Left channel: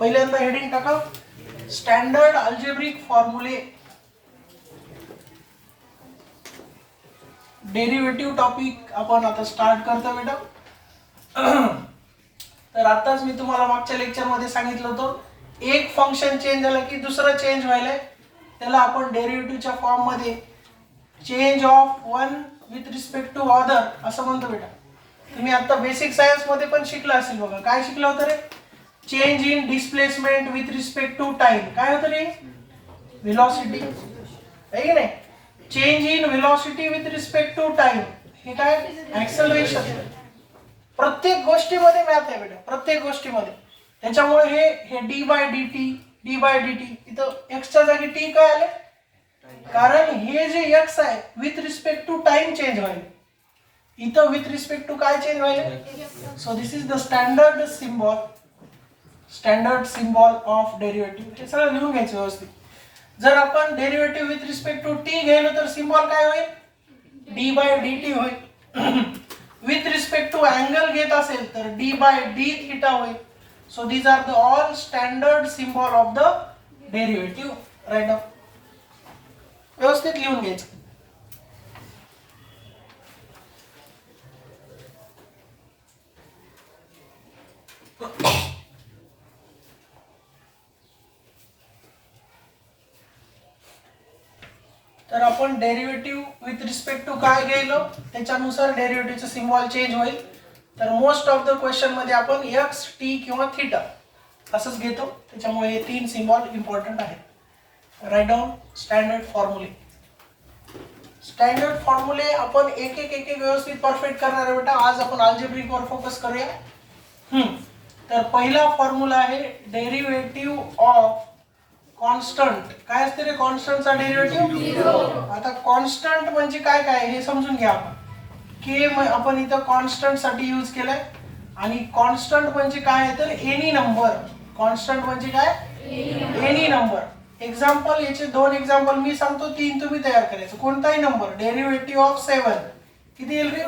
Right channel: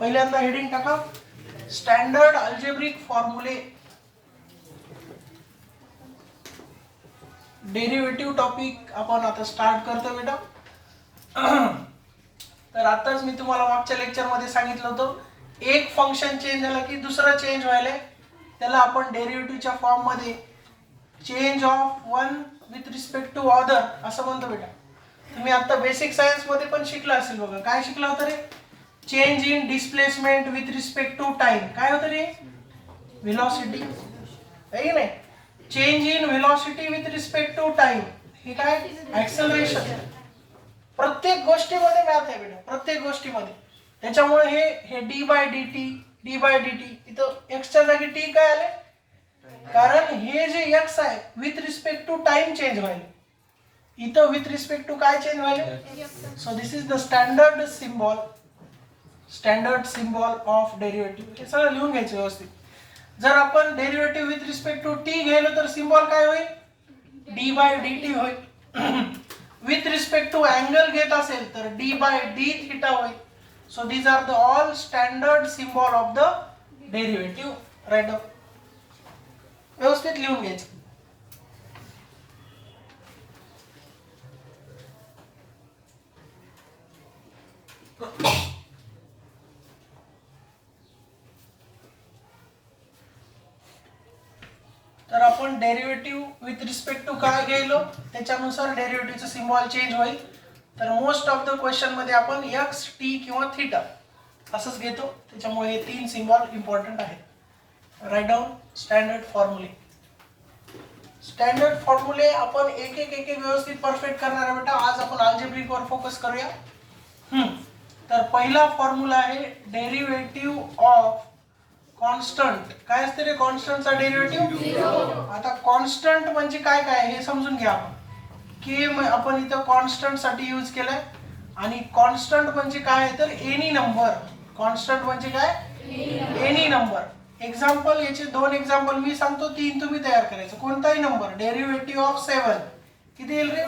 पहिल्यांदा हेडिंग टाका, standard algebraic फॉर्म्युले. Derivative topic आपण आता स्टार्ट करतो बेटा. तर आताच मी तुम्हाला मागच्या लेक्चर मध्ये सांगितलं होतं, एक फंक्शन चेंज झालं की दुसरं चेंज व्हायलंय, त्याला आपण डेरिव्हेटिव्हच्या फॉर्म मध्ये change of one with respect to other असं म्हणतो बेटा. तुम्ही आता बेसिक सायन्स मध्ये पण शिकला असेल बघा. काय शिकला होतं रे? Change in displacement with respect to time. काय होतं रे? व्हेलॉसिटी, आहे की नाही? Change in velocity with respect to time, हे काय? ऍक्सेलरेशन. प्रत्येक गोष्टीमध्ये मॅथ आहे बेटा, प्रत्येक गोष्टीमध्ये. त्याच्यामुळे हे डी बाय डी टी इथं एक्सच्या जागी टी काय आले? कारण हे जे एक्स आहे with respect to time change व्हायला, इथं विथ रिस्पेक्ट टू काय चेंज व्हायला. So this is the standard symbol of derivative. हे सगळं लिहून घ्यायचं व्यवस्थित. जर आपण derivative with respect to t घ्यायलो तर सिम्बॉल काय होईल? डी बाय डी टी होईल. विथ रिस्पेक्ट टू अँगल घेत असेल तर डी बाय डी थिटा होईल. So these are the all standard symbol of the derivative. Right down, व्यवस्थित लिहून घ्यायचं. तर आपण डेरिव्हेटिव्ह विथ रिस्पेक्ट टू काय गेलो त्याच्यानुसार डेरिव्हेटिव्हचं सिम्बॉल चेंज होईल. तर मोस्ट ऑफ द क्वेश्चन मध्ये आपण एक्स, टी किंवा थिटा असंच घेतो. त्याच्यामुळे हे तीन सिम्बॉल इम्पॉर्टंट आहेत. राईट डाऊन स्टँडर्ड फॉर्म्युले. स्टँडर्ड फॉर्म्युले आपण एक एक व्यवस्थित परफेक्ट करणार आहे बेटा. आज आपण अल्जेब्रिक वर फोकस करूया. तर पहिला फॉर्म्युला आहे डेरिव्हेटिव्ह ऑफ कॉन्स्टंट. काय असते रे कॉन्स्टंटचा डेरिव्हेटिव्ह? आता कॉन्स्टंट म्हणजे काय काय हे समजून घ्या आपण. के आपण इथं कॉन्स्टंट साठी यूज केलाय. आणि कॉन्स्टंट म्हणजे काय आहे तर एनी नंबर. कॉन्स्टंट म्हणजे काय? Any number. एक्झाम्पल, याचे दोन एक्झाम्पल मी सांगतो, तीन तुम्ही तयार करायचं. कोणताही नंबर. डेरिव्हेटिव्ह ऑफ 7 किती येईल रे?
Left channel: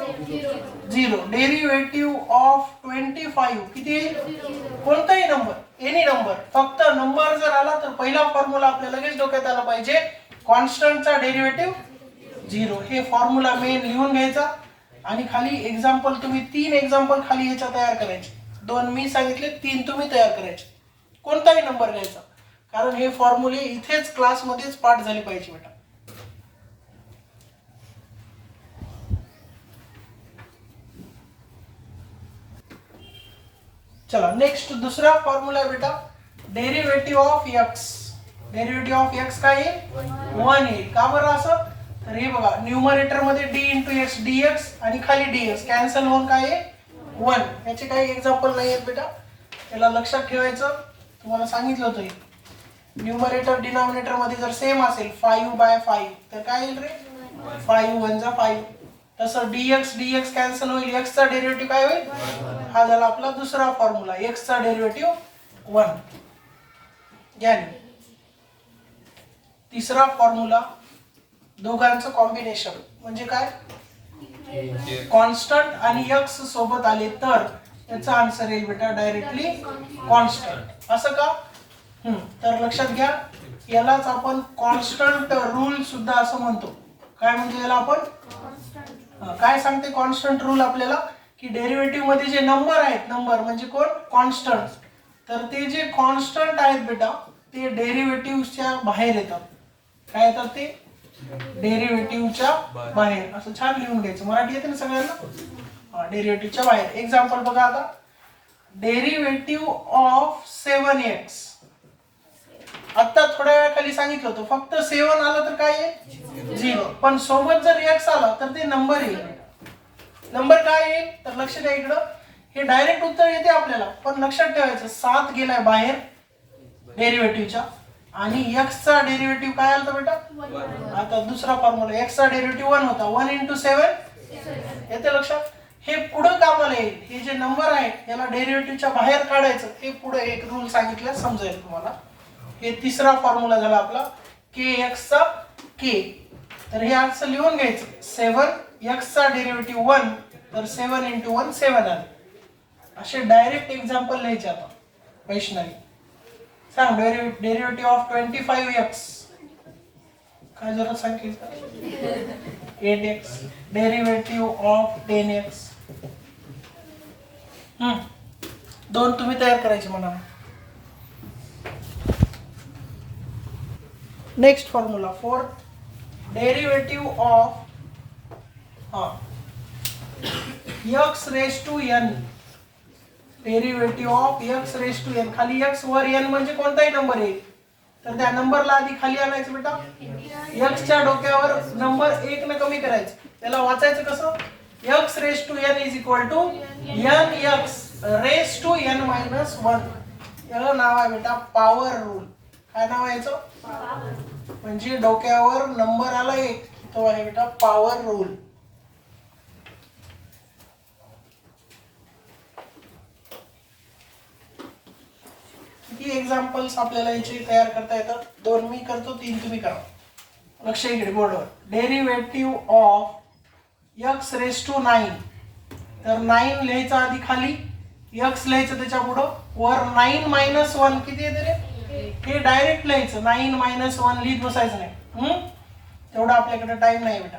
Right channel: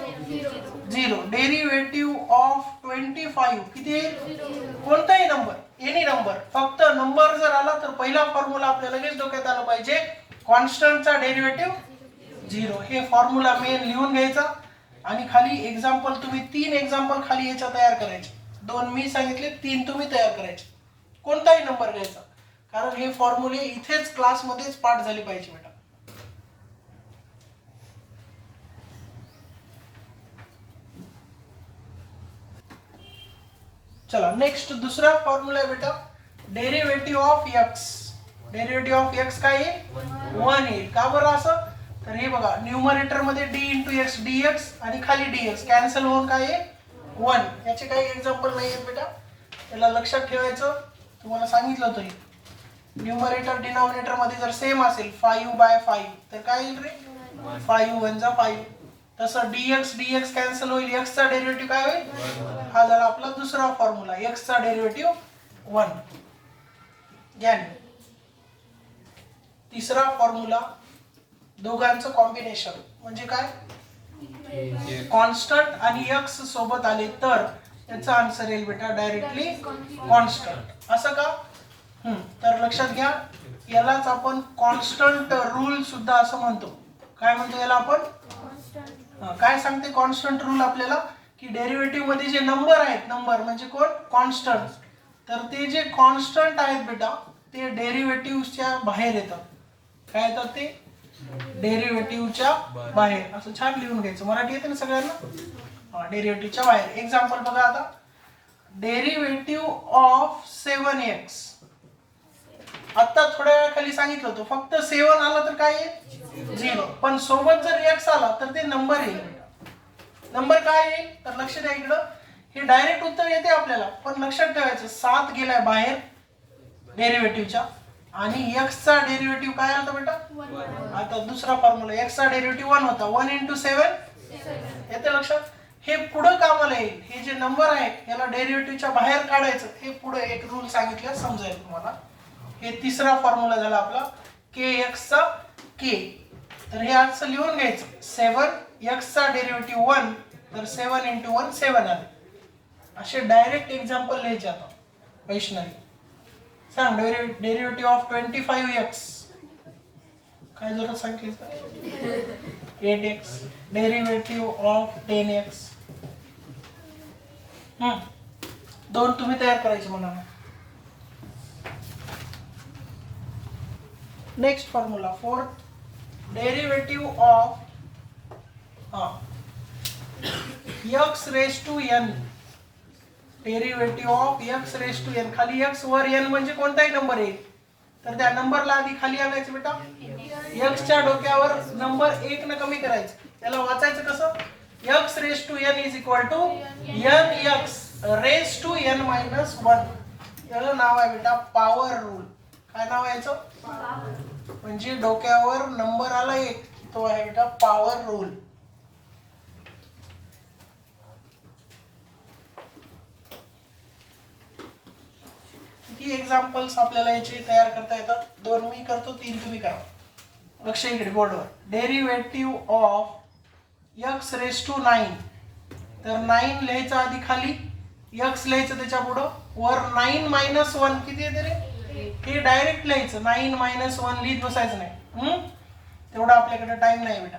0. डेरिव्हेटिव्ह ऑफ 25 किती येईल? कोणताही नंबर, एनी नंबर. फक्त नंबर जर आला तर पहिला फॉर्म्युला आपल्या लगेच डोक्यात आला पाहिजे, कॉन्स्टंटचा डेरिव्हेटिव्ह 0. हे फॉर्म्युला मेन लिहून घ्यायचा. आणि खाली एक्झाम्पल तुम्ही 3 एक्झाम्पल खाली ह्याच्या तयार करायचे. 2 मी सांगितले, 3 तुम्ही तयार करायचे. कोणताही नंबर घ्यायचा, कारण हे फॉर्म्युले इथेच क्लासमध्येच पाठ झाले पाहिजे बेटा. चला नेक्स्ट दुसरा फॉर्म्युला आहे बेटा, derivative of x. Derivative of x काय आहे? 1 येईल. का बरं असं? तर हे बघा, न्यूमरेटर मध्ये डी इंटू एक्स डीएक्स आणि खाली डीएक्स कॅन्सल होऊन काय आहे? 1. याचे काही एक्झाम्पल नाही आहेत बेटा, त्याला लक्षात ठेवायचं. तुम्हाला सांगितलं होतं, न्यूमरेटर डिनॉमिनेटर मध्ये जर सेम असेल 5/5 तर काय येईल रे? 5 1 जा 5. तसं डीएक्स कॅन्सल होईल, एक्स चा डेरिव्हेटिव्ह काय होईल? हा झाला आपला दुसरा फॉर्म्युला, एक्स चा डेरिव्हेटिव्ह 1. घ्या. तिसरा फॉर्म्युला, दोघांचं कॉम्बिनेशन म्हणजे काय? कॉन्स्टंट आणि एक्स सोबत आले तर याचा आन्सर येईल बेटा डायरेक्टली कॉन्स्टंट. असं का? तर लक्षात घ्या, यालाच आपण कॉन्स्टंट रूल सुद्धा असं म्हणतो. काय म्हणतो याला आपण? काय सांगते कॉन्स्टंट रूल आपल्याला? की डेरिव्हेटिव्ह मध्ये जे नंबर आहेत, नंबर म्हणजे कोण? कॉन्स्टंट. तर ते जे कॉन्स्टंट आहेत बेटा ते डेरिव्हेटिव्हच्या बाहेर येतात. काय येतात ते? डेरिव्हेटिव्हच्या बाहेर. असं छान लिहून घ्यायचं. मराठी येते ना सगळ्यांना? डेरिव्हेटिव्हच्या बाहेर. एक्झाम्पल बघा आता, डेरिव्हेटिव्ह ऑफ 7x. आता थोड्या वेळाखाली सांगितलं होतं, फक्त 7 आलं तर काय येईल? 0. पण सोबत जर x आला तर ते नंबर येईल. नंबर काय येईल तर लक्ष द्या इकडं. हे डायरेक्ट उत्तर येते आपल्याला, पण लक्षात ठेवायचं 7 गेलाय बाहेर डेरिव्हेटिव्हच्या आणि x चा डेरिव्हेटिव्ह काय आला बेटा? आता दुसरा फॉर्म्युला, x चा डेरिव्हेटिव्ह 1 होता. 1 × 7 येते लक्षात. हे पुढे कामाला येईल. हे जे नंबर आहे याला डेरिव्हेटिव्हच्या बाहेर काढायचं. हे पुढे एक रूल सांगितलं, समजेल तुम्हाला. हे तिसरा फॉर्म्युला झाला आपला, kx चा k. तर हे असं लिहून घ्यायचं, 7 x चा डेरिव्हेटिव्ह 1 तर 7 × 1 7 आले. असे डायरेक्ट एक्झाम्पल लिहायचे आता वैष्णवी. सांग. डेरिव्हेटिव्ह ऑफ 25x काय जरा सांग की 8x. Derivative of 10x. दोन तुम्ही तयार करायचे मला. Next formula for derivative of x raise to n. Derivative of x raise to n. खाली x वर n म्हणजे कोणताही नंबर आहे तर त्या नंबरला आधी खाली आणायचं बेटा. x च्या डोक्यावर नंबर 1 न कमी करायचं. त्याला वाचायचं कसं? x raise to n is equal to nx raise to n minus 1. याचं नाव आहे बेटा पॉवर रूल. काय नाव आहे याचं? म्हणजे डोक्यावर नंबर आला 1 तो आहे बेटा पॉवर रूल. किती एक्झाम्पल्स आपल्याला याचे तयार करता येतात? 2 मी करतो, 3 तुम्ही करा. लक्ष इकडे बोर्डवर. Derivative of x raise to 9. तर 9 लिहायचं आधी खाली, x लिहायचं त्याच्या पुढं, वर 9 मायनस 1 किती येते रे? हे डायरेक्ट लिहायचं. 9 मायनस 1 लिहित बसायचं नाही. तेवढा आपल्याकडे टाइम नाही बेटा.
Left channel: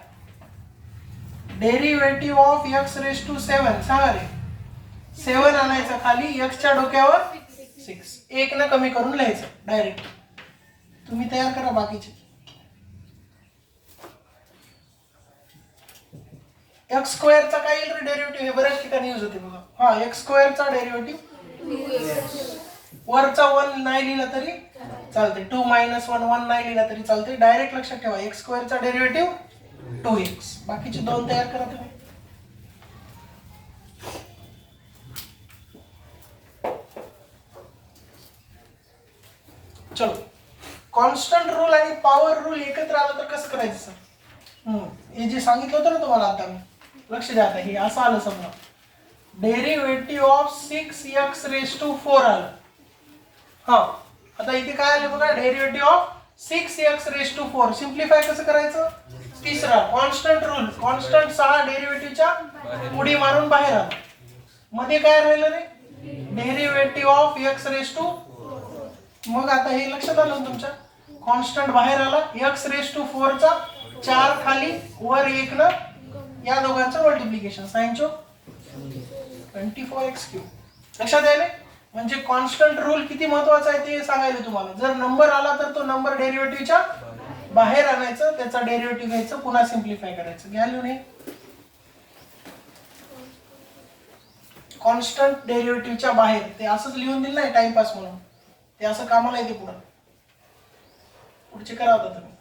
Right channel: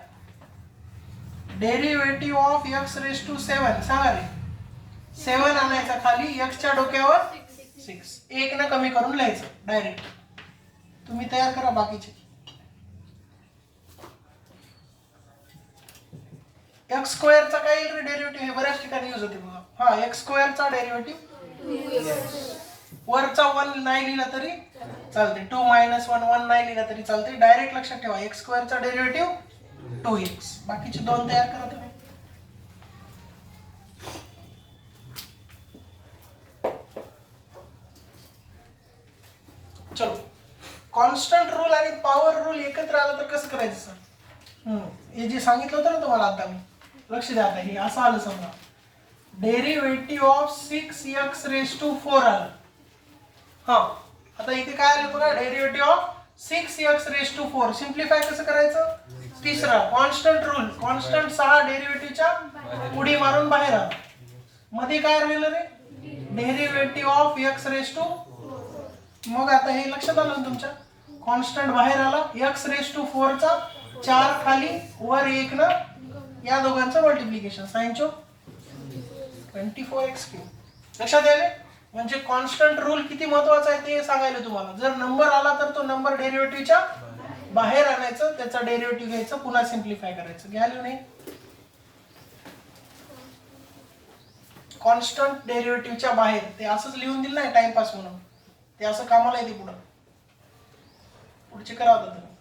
Derivative of x raise to 7 सांगा रे. 7 आणायचा खाली, x च्या डोक्यावर 6 1 न कमी करून लिहायचं डायरेक्ट. तुम्ही तयार करा बाकीचे. x स्क्वेअरचा काय येईल रे डेरिव्हेटिव्ह? हे बऱ्याच ठिकाणी यूज होते बघा. x स्क्वेअरचा डेरिव्हेटिव्ह वरचा 1 नाही लिहिला तरी चालते. 2 मायनस 1 1 नाही लिहिला तरी चालते. डायरेक्ट लक्षात ठेवा x स्क्वेअरचा डेरिव्हेटिव्ह 2x. बाकीचे 2 तयार करा तुम्ही. चलो. कॉन्स्टंट रूल आणि पॉवर रूल एकत्र आलं तर कसं करायचं सर? हे जे सांगितलं होतं ना तुम्हाला आता मी, लक्ष द्या. आता हे असं आलं समजा. Derivative of 6x raise to 4 आलं. आता इथे काय आले बघा? Derivative of 6x raise to 4. Simplify कसं करायचं? तिसरा कॉन्स्टंट रूल. कॉन्स्टंट 6 डेरिव्हेटिव्हच्या उडी मारून बाहेर आला. मध्ये काय राहिलं रे? Derivative of x raise to. मग आता हे लक्षात आलं ना तुमच्या? कॉन्स्टंट बाहेर आला, x रेज टू 4 चा 4 खाली, वर 1 न या दोघांचं मल्टिप्लिकेशन. साइनचो 24x3. लक्षात आले? म्हणजे कॉन्स्टंट रूल किती महत्वाचा आहे ते सांगायला तुम्हाला. जर नंबर आला तर तो नंबर डेरिव्हेटिव्हच्या बाहेर आणायचं, त्याचा डेरिव्हेटिव्ह घ्यायचं, पुन्हा सिम्प्लिफाय करायचं. घ्या लिहून. कॉन्स्टंट डेरिव्हेटिव्हच्या बाहेर. ते असंच लिहून दिलं नाही टाइमपास म्हणून. ते असं कामाला येते पुढं. पुढचे करा होता तुम्ही.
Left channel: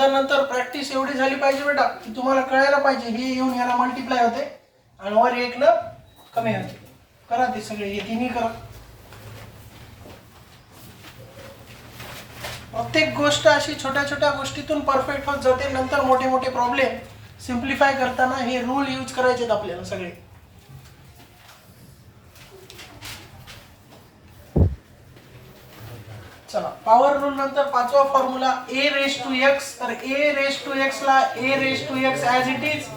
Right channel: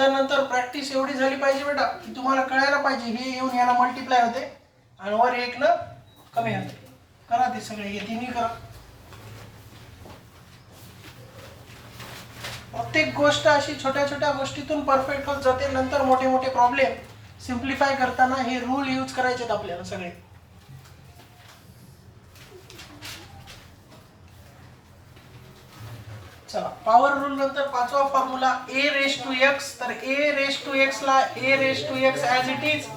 नंतर प्रॅक्टिस एवढी झाली पाहिजे बेटा की तुम्हाला कळायला पाहिजे हे येऊन याला मल्टिप्लाय होते आणि वर 1 न कमी होते. करा ते सगळे, हे तिन्ही करा. प्रत्येक गोष्ट अशी छोट्या छोट्या गोष्टीतून परफेक्ट होत जाते. नंतर मोठे मोठे प्रॉब्लेम सिम्प्लिफाय करताना हे रूल यूज करायचे आपल्याला सगळे. चला. पॉवर रूल नंतर 5वा formula a raise to x. तर a रेज टू x ला a raise to x as it is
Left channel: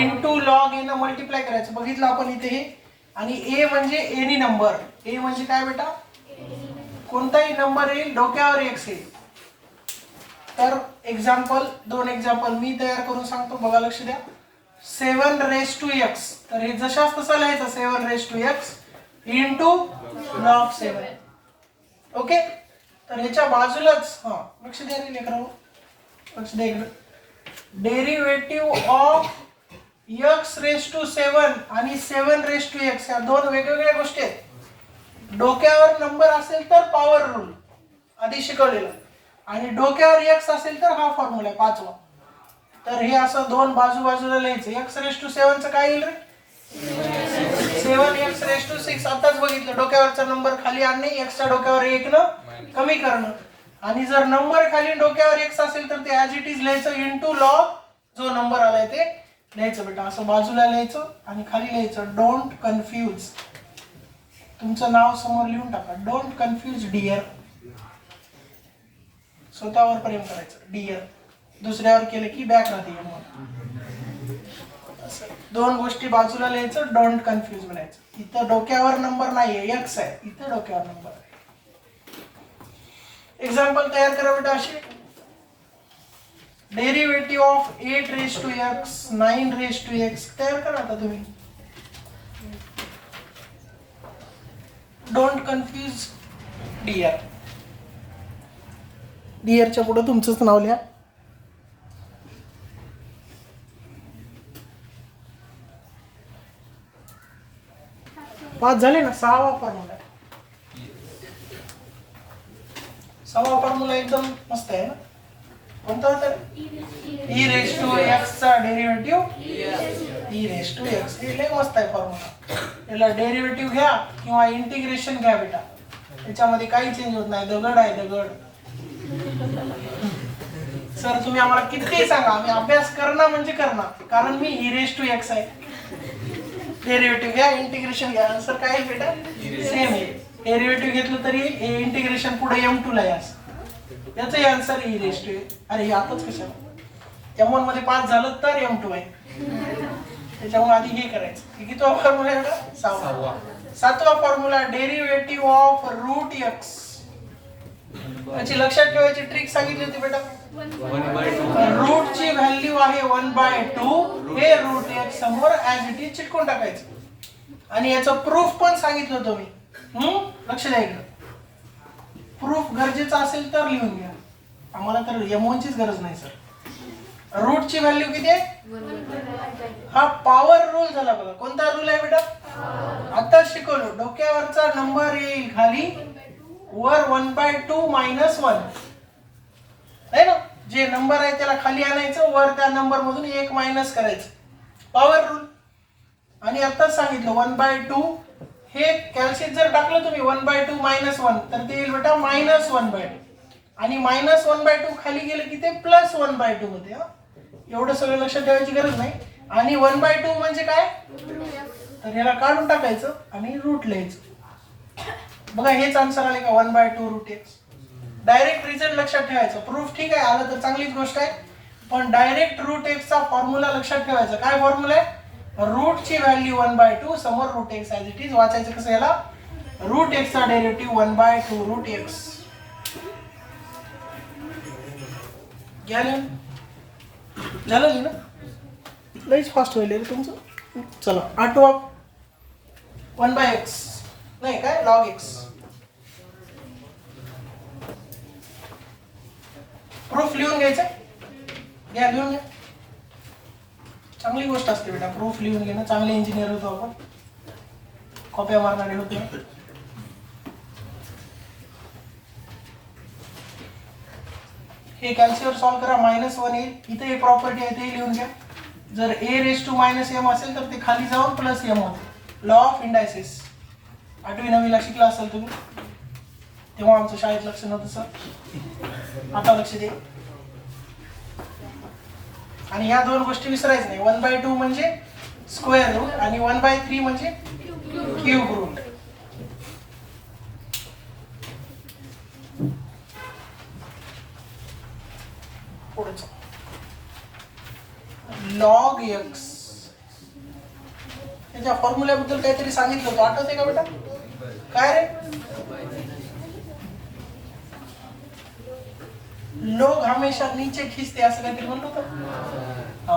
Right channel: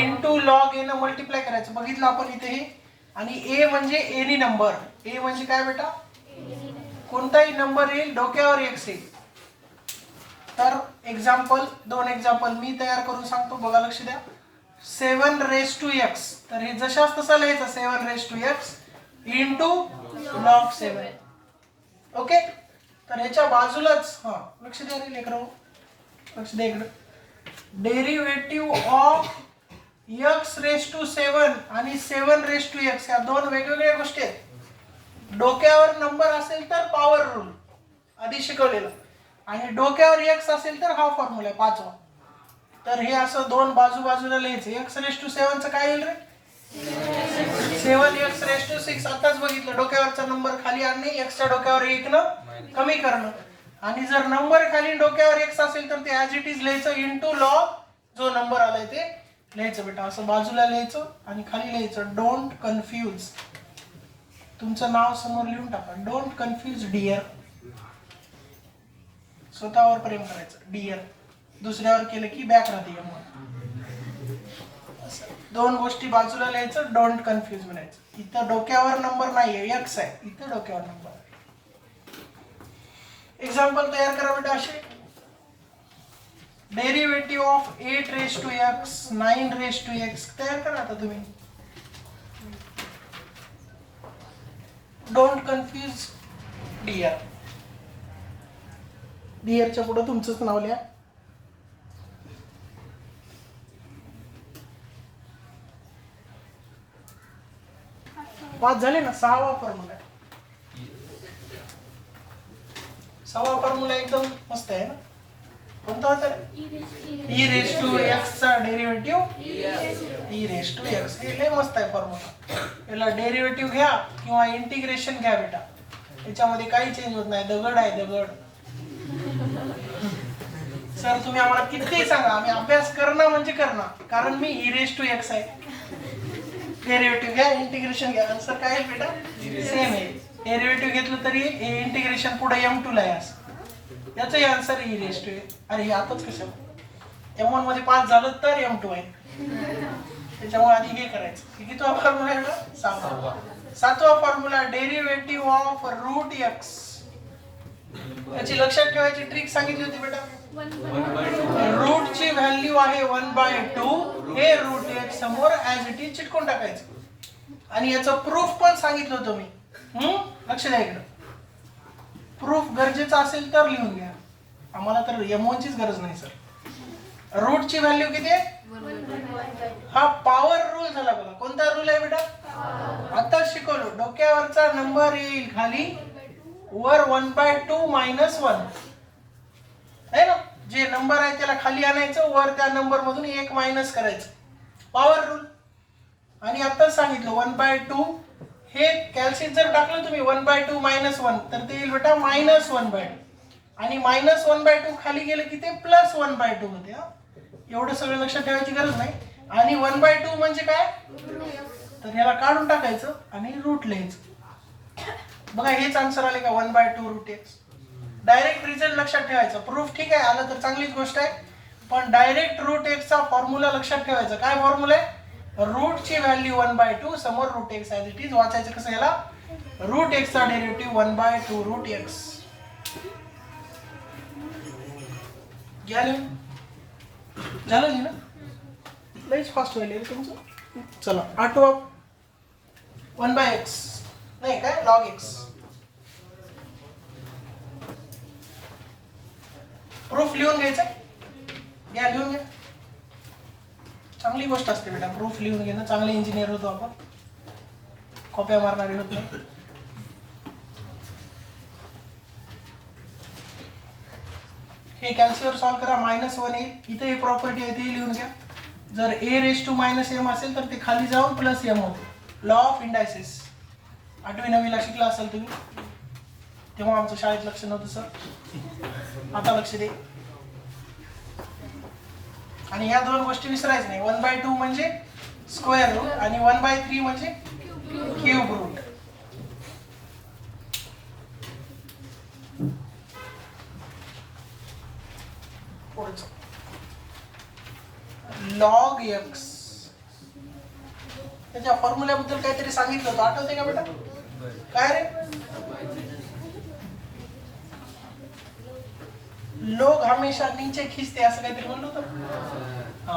into log a न मल्टिप्लाय करायचं. बघितलं आपण इथे हे. आणि a म्हणजे एनी नंबर. a म्हणजे काय बेटा? कोणताही नंबर येईल, डोक्यावर x येईल. तर एक्झाम्पल 2 एक्झाम्पल मी तयार करून सांगतो, बघा लक्ष द्या. 7 रेज टू x. तर हे जशाच तसं लिहायचं. 7 raise to x into log 7. Okay. तर ह्याच्या बाजूलाच लक्ष द्या रे लेकरांनो, लक्ष द्या इकडे. Derivative of x raise to 7 आणि 7 रेज टू x या दोन वेगवेगळ्या गोष्टी आहेत. डोक्यावर नंबर असेल तर पॉवर रूल आधी शिकवलेला, आणि डोक्यावर x असेल तर हा फॉर्म्युला आहे 5वा. तर हे असं दोन बाजूला लिहायचं. x रेज टू 7 चं काय येईल रे? 7x raise to 6. आताच बघितलं, डोक्यावरचा नंबर खाली आणणे, x च्या डोक्यावर 1 न कमी करणं. आणि जर नंबर खाली डोक्यावर x असेल तर ते ॲज इट इज लिहायचं इंटू लॉग जो नंबर आलाय ते लिहायचं बेटा. असं बाजूला लिहायचं आणि खाली लिहायचं डोंट कन्फ्यूज. तुमचं नाव समोर लिहून टाका. Don't confuse dear. स्वतःवर प्रेम करायचं डिअर, दुसऱ्यावर केलं की बॅक राहते दोन गोष्टी बाजूला लिहायचं, डोंट कन्फ्यूज म्हणायचं. इथं डोक्यावर नंबर नाहीये, एक्स आहे, इथं डोक्यावर नंबर आहे. एक्झाम्पल तयार करा बेटा असे. Derivative of 8 raise to x 9 raise to x तयार करा आता तुम्ही. डोंट कन्फ्यूज डिअर, डिअरच्या पुढे तुमचंच नाव लिहा. पाच झाले ना. सहावा फॉर्म्युला, सहावा फॉर्म्युला एकदम मस्त आहे ना. कोणता होता? ई रेज टू एक्स चा derivative e raise to x. हे लय मस्त आहे फॉर्म्युला. याला डेरिव्हेटिव्ह घ्या किंवा इंटिग्रेशन घ्या बेटा, त्याच्यामध्ये काही चेंज होत नाही. दगड आहे दगड. सर तुम्ही आम्हाला किती सांगा, आम्ही अभ्यास करणं म्हणजे करणं, कारण मी ई रेज टू एक्स आहे. डेरिव्हेटिव्ह घ्या, इंटिग्रेशन घ्या, आन्सर काय आहे बेटा? सेम आहे. डेरिव्हेटिव्ह घेतलं तरी हे इंटिग्रेशन पुढे m2 ला आहे. याचं आन्सर ई रेज टू. अरे आताच कशाला m1 मध्ये 5 झालं तर m2 आहे, त्याच्यामुळे आधी हे करायचं. किती फॉर्म्युला आहे? सहावा. सातवा formula derivative of root x. याची लक्षात ठेवायची ट्रिक सांगितली होती बेटा. रूट ची व्हॅल्यू आहे 1/2, हे रूट एक्स समोर ऍज इट इज चिटकून टाकायचं. आणि याचं प्रूफ पण सांगितलं होतं मी. लक्ष द्या इकडं. प्रूफ गरजेचं असेल तर लिहून घ्या, आम्हाला तर m1 चीच गरज नाही सर. रूट ची व्हॅल्यू किती आहे? हा पॉवर रूल झाला बघा. कोणता रूल आहे बेटा? आता शिकवलो. डोक्यावरचा नंबर येईल खाली, वर 1/2 मायनस 1 आहे ना. जे नंबर आहे त्याला खाली आणायचं, वर त्या नंबर मधून 1 मायनस करायचं. Power rule. आणि आता सांगितलं 1/2 हे कॅल्शियम जर टाकलं तुम्ही 1/2 मायनस 1 तर ते येईल बेटा -1/2. आणि -1/2 खाली गेलं की ते +1/2 मध्ये. एवढं सगळं लक्षात ठेवायची गरज नाही. आणि 1/2 म्हणजे काय? तर याला काढून टाकायचं आणि रूट लिहायचं. बघा हेच आन्सर आले का? 1/2 रूट एक्स. डायरेक्ट रिझल्ट लक्षात ठेवायचं. प्रूफ ठीक आहे आलं तर चांगलीच गोष्ट आहे, पण डायरेक्ट रूट एक्स चा फॉर्म्युला लक्षात ठेवायचा. काय फॉर्म्युला आहे? रूट ची व्हॅल्यू 1/2 समोर root x as it is. वाचायचं कसं याला? रूट एक्स चा डेरिव्हेटिव्ह 1/2 रूट एक्स. झालं ना? लईच फास्ट होईल तुमचं. चला आठवा 1/x नाही काय log x. प्रूफ लिहून घ्यायचं. घ्या लिहून घ्या. चांगली गोष्ट असते बेटा प्रूफ लिहून घेणं. चांगले इंजिनियर होतो आपण, कॉप्या मारणारे होतो. हे कॅल्क्युलेटर सॉल्व करा. -1 येईल. इथे हे प्रॉपर्टी आहे ते लिहून घ्या. जर a रेज टू -m असेल तर ते खाली जाऊन +m होते. लॉ ऑफ इंडायसिस 8वी 9वीला शिकला असेल तुम्ही, तेव्हा आमचं शाळेत लक्ष नव्हतं सर, आता लक्ष दे. आणि ह्या दोन गोष्टी विसरायचं नाही. 1/2 म्हणजे स्क्वेअर रूट आणि 1/3 म्हणजे क्यूब रूट. पुढचं लॉग एक्स. त्याच्या फॉर्म्युल्याबद्दल काहीतरी सांगितलं होतं, आठवते का बेटा? काय रे? लोग हमेशा नीचे खिचते असं काहीतरी म्हणलं होतं. हा,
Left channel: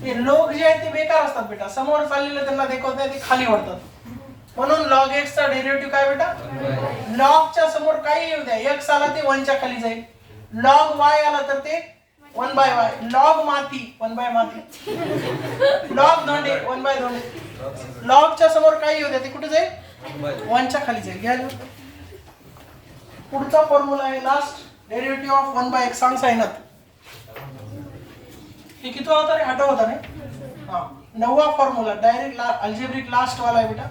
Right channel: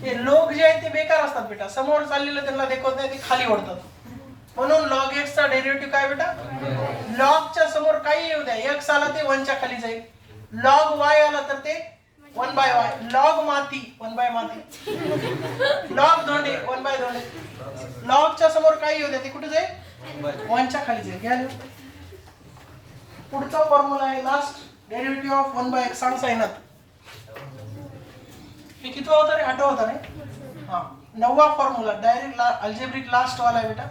हे लोग जे आहेत ते बेकार असतात बेटा. समोर चाललेलं त्यांना देखवत नाही, ते खाली ओढतात. म्हणून लॉग एक्स चा डेरिव्हेटिव्ह काय बेटा? लॉग च्या समोर काही येऊ द्या, एक्स आला ते 1 च्या खाली जाईल. लॉग वाय आला तर ते 1/y. लॉग माती 1/y माती. लॉग धोंडे 1/y धोंडे. लॉग च्या समोर काही येऊ द्या, ते कुठे जाईल? 1 च्या खाली जाईल. घ्या. पुढचा फॉर्म्युला आहे लास्ट डेरिव्हेटिव्ह ऑफ 1/x. सांग सायनात हे किती होता रे? 8 होता रे. हा, 9वा फॉर्म्युला डायरेक्ट अल्जेब्रिक लास्ट वाला आहे बेटा.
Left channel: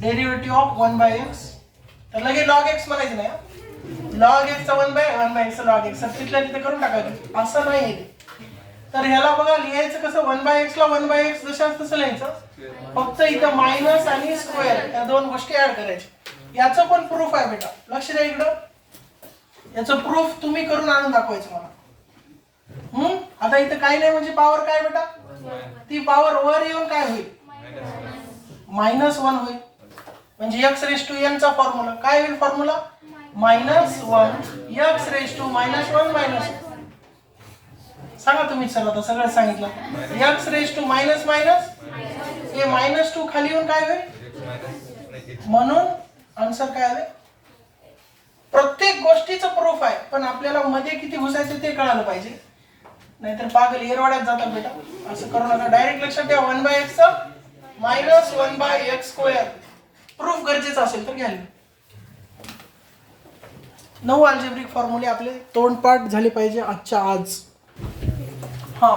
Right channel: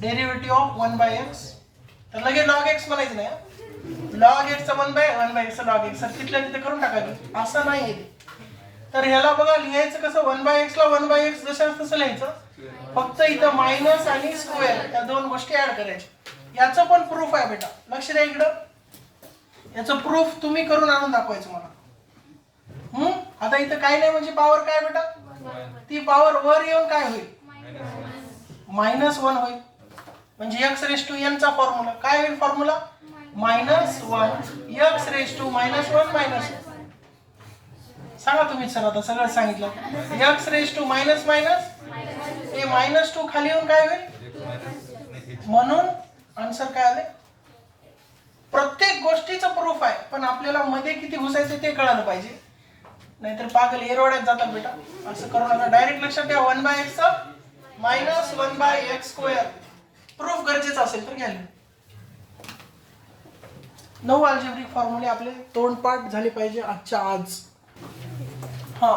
Derivative of 1/x. तर लगे log x म्हणायचं नाही. log x चा 1/1/x log x. तिथल्या तिथे करून टाकायचं, असं नाही. तर ह्याला बघा लिहायचं कसं? 1/x ला 1/x जशाच तसं लिहायचं, फक्त इथं मायनस आणि स्क्वेअर या दोन गोष्टी ऍड करायच्या. याचं पण प्रूफ आहे बेटा. लक्ष द्या इकडं. याचं प्रूफ तुम्ही करून आणून दाखवायचं मला. आता इथं काही नाही म्हणजे पॉवर काय बेटा, ती पॉवर वर येऊन काय होईल, -1 होईल. म्हणजे x⁻n चा फॉर्म्युला काय होईल, फॉर्म्युला -1 x⁻⁻1 -1. सांगा तुम्ही सर, आता सगळं सांगितलं. x⁻⁻ हे -2 खाली येऊन काय होईल, म्हणून आन्सर काय आले. प्रत्येक गोष्टीचं प्रूफ आहे, पण आपल्याला मध्ये किती घुसायचं ते कळायला पाहिजे, नाहीतर पागल एरवाड्यात जातात बेटा. असं करू नका, डायरेक्ट लक्षात ठेवा. 1/x -1/x². प्रूफ गरजेचं असेल तर घ्याल. 9 अल्जेब्रिक फॉर्म्युले आपले तोंडपाठ झाले पाहिजे आजच्या आज. हा,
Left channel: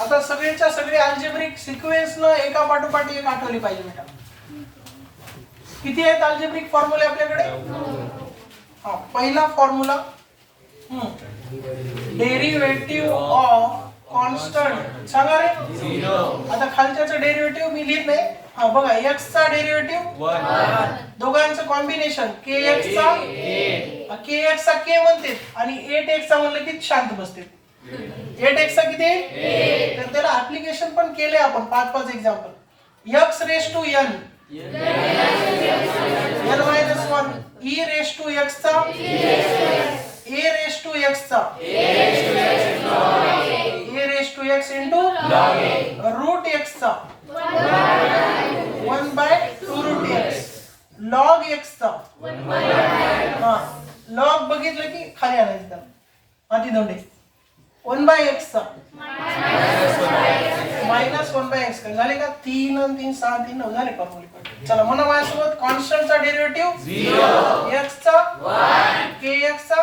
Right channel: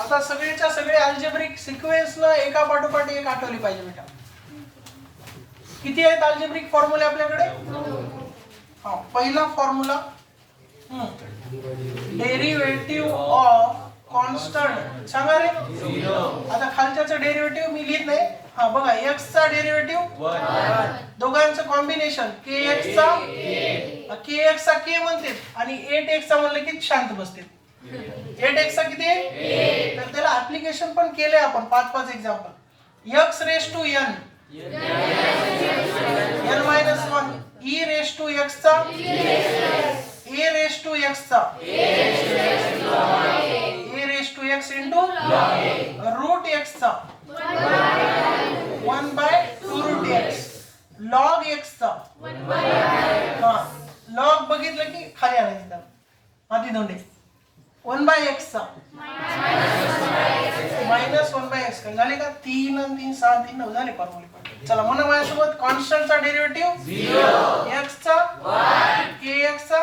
आता सगळेच्या सगळे अल्जेब्रिक सिक्वेन्स न एका पाठोपाठ एक आठवली पाहिजे बेटा. किती आहेत अल्जेब्रिक फॉर्म्युले आपल्याकडे. हा, पहिला फॉर्म्युला डेरिव्हेटिव्ह ऑफ कॉन्स्टंट सांगा रे. आता खालच्याचं डेरिव्हेटिव्ह मी लिहित नाही. हा बघा, x चा डेरिव्हेटिव्ह 1, दोघांचं कॉम्बिनेशन kx चा k म्हणते आणि 8x चा म्हणलं की शांत बसते. 8x चा किती आहे, तर त्याला ऍप्लिकेशन पण केलंय आपण 5 एक्झाम्पल. x⁻n n-1 e⁻x चा a⁻x चा a⁻x into √x चा 1/2√x log x चा हा log बघितलं की खाली आणायचं त्याला माती दोंडे 1/x चा -1/x काय झाले का. 3 आणि 3 6 3 9 झाले फॉर्म्युले. चला म्हणा माझ्यासोबत. कॉन्स्टंटचा डेरिव्हेटिव्ह 0, x चा 1, kx चा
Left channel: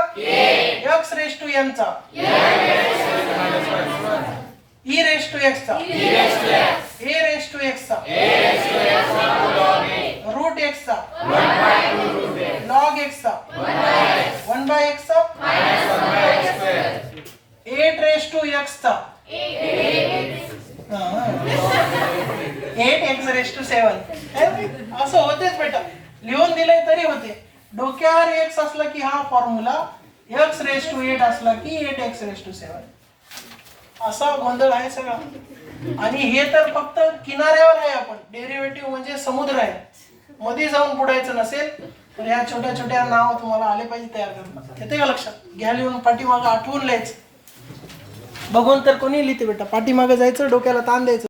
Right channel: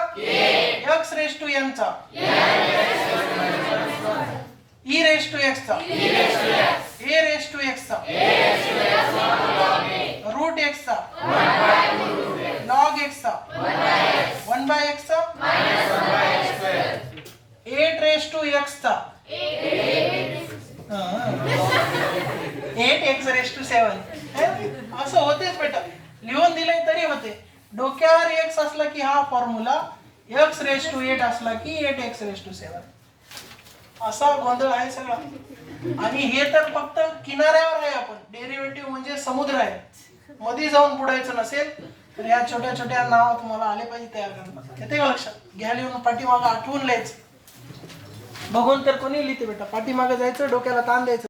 x⁻n चा e⁻x चा a⁻x चा √x चा log x चा 1/x चा 8x चा 8x⁻7. असं होतेच बेटा, लिहून दिलंय तरी होते. डोक्यावर x असला की हा फॉर्म्युला, x⁻8 असला की 8x⁻7. असा गोंधळ आहे सगळा. आणि हे तर फक्त किनाऱ्यावर आहे. आपण डेरिव्हेटिव्ह म्हणजे समुद्र आहे, मध्ये जाऊन बुडायचं नसेल तर या छोट्या छोट्या नाव तुम्हाला आले पाहिजे तयार करणं. येते का लक्षात, घ्या लिहून. पाठीमागं आठवून लिहायचं. बघून तर कोणी लिहिते बेटा, पाठीमागं जायचं, डोक्याला ताण द्यायचं.